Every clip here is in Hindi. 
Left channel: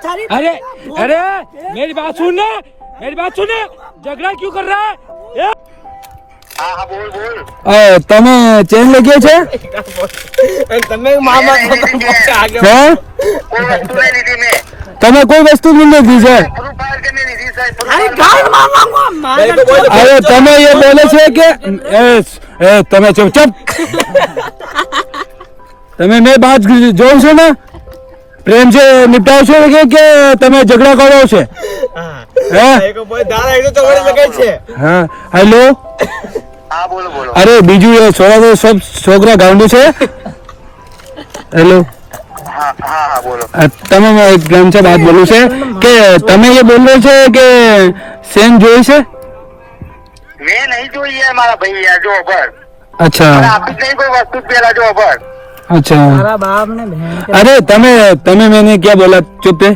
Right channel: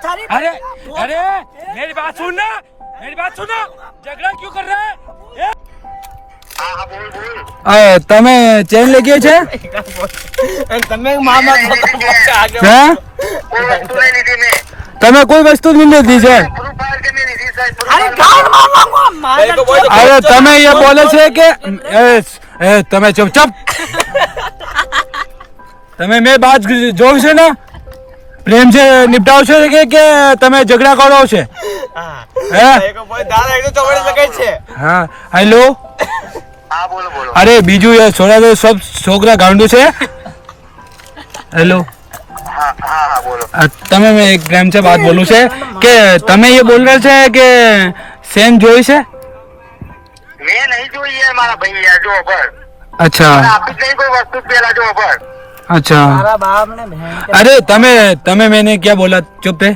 अरे अरे मेरी बात सुन ना, मेरी बात सुन ना, झगड़ा क्यों कर रहा है? તમે ચેન લઈ ગયા છે? તમે મામા તમે કોઈ વસ્તુ નહીં લીધી છે? અરે તમે એ બોલે છે કે તમે ચૂપચાપ, તમે મેં બાત જોઈ છે ને, પ્રેમ છે નિપટાવશો કે તમે ઝઘડા કરો છો? હા હેલો, અરે બીજું એ છોડા તો સબ છોકરા ગાંડું છે. હેલો, તમે એક પ્રેમ છે બાત બોલું છે કે તમે એ બોલ રહ્યો છો કે સેન જોઈ છે? મેં નહીં જોઈ है મારા ભાઈ યાર જો પર. અચ્છા આપી કઈ કોઈ વસ્તુ પેલા જો પર. अच्छा, अरे तमे मैंने क्या बोला? चुप है,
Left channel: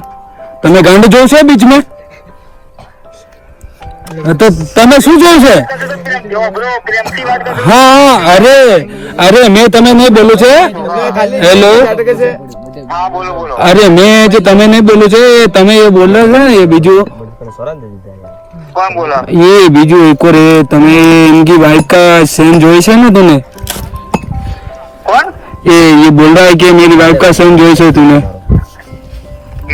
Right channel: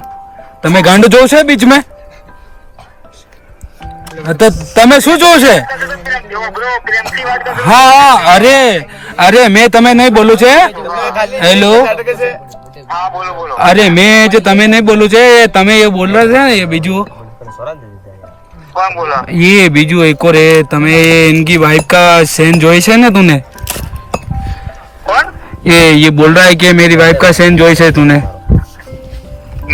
तमे गांडू जो છે बीच में, तो તમે શું જોયું છે? હા હા, અરે મેં તમે નહીં બોલું છે. હેલો, અરે મેં જે તમે નહીં બોલું છે, તમે એ બોલ રહ્યા છે ને, એ બીજું ये बीजू एक और तमे इनकी वाइफ का सेन जोई है ना तूने? कौन? ये बोल रहा है कि मेरी वाइफ का सेन जोई है तूने?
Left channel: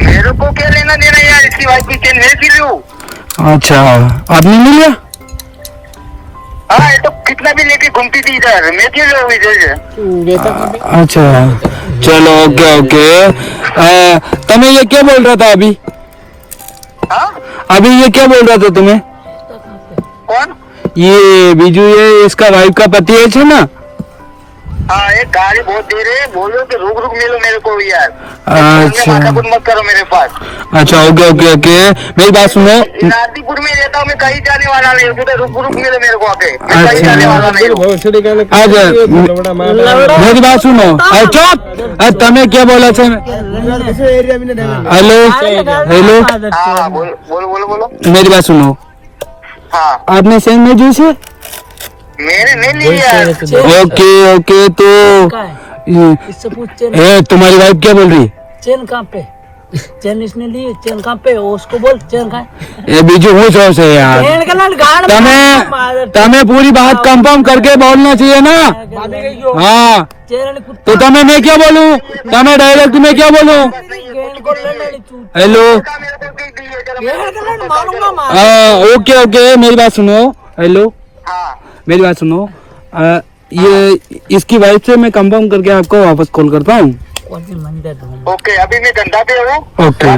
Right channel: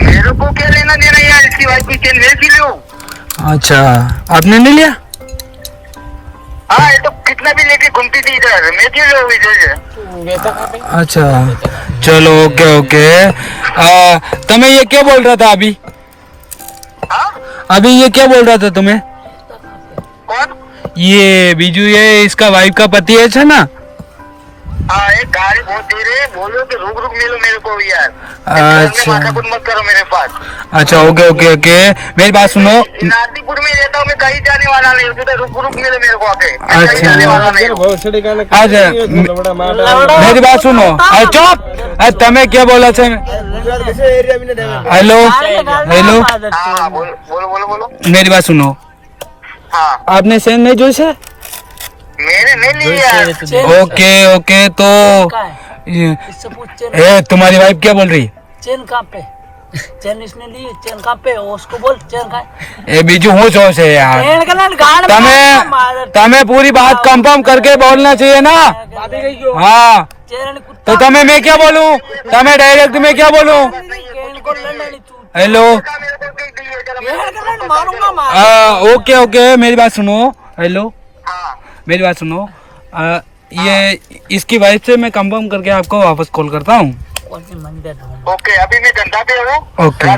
मेरे को क्या लेना देना यार, इसकी वाइफ की चेन ले लूं. अच्छा, आपने ले लिया? हाँ, ये तो कितना भी लेके घूमती थी इधर, मैं क्यों लूं इधर? अच्छा चलो, ओके ओके. तमे ये क्या बोल रहा था अभी? हाँ? अभी ये क्या बोल रहा था तुम्हें? कौन? ये बीजू, ये इसका वाइफ का पति है ना? हाँ, एक गाड़ी बहुत दे रहे हैं, बोलो कि रुक मिलो मेरे को भी यार. अच्छा मत करो मेरे पास. अच्छा, ओके ओके ओके, मेरी बात सुनो. नागपुर में रहता हूँ मैं, कहीं जाने वाला नहीं हूँ. रुक मिलो मेरे को आके. मैं कहीं जाने वाला नहीं हूँ. अच्छा मेरी बात सुनो. चुप, तमे क्या बोला છે? हेलो हेलो, हाँ, बोलो. मेरी बात सुनो. हाँ, आपने सेन नहीं जोई છે? मेरे नहीं लिया. ओके ओके, तो इससे पूछ चेन तुम्हारी वाइफ क्या बोल रही? चेन कहाँ पे? चेन इसने ली, चेन कहाँ पे? उसको बोल चेन कहाँ? ये बीजू હું છો છે यार? चेन के लिए गाड़ में તમે पूरी बात कंफर्म करके बोलना चाहिए ना. हाँ, चेन तो તમે मैं क्या बोलूं? તમે डायरेक्ट मैं क्या बोलूं? चेन को लेना नहीं तू. हेलो, चेन के लिए मारूंगा मार. ओके ओके, मेरी बात सुनो. हेलो, हाँ, मेरी बात सुनो. ये इसकी वाइफ से मैं कंफर्म करके आपको वापस कॉल करता हूँ. कौन सी मंदिर दूँ? ओके, अभी मैं घंटा पे हूँ. ओके.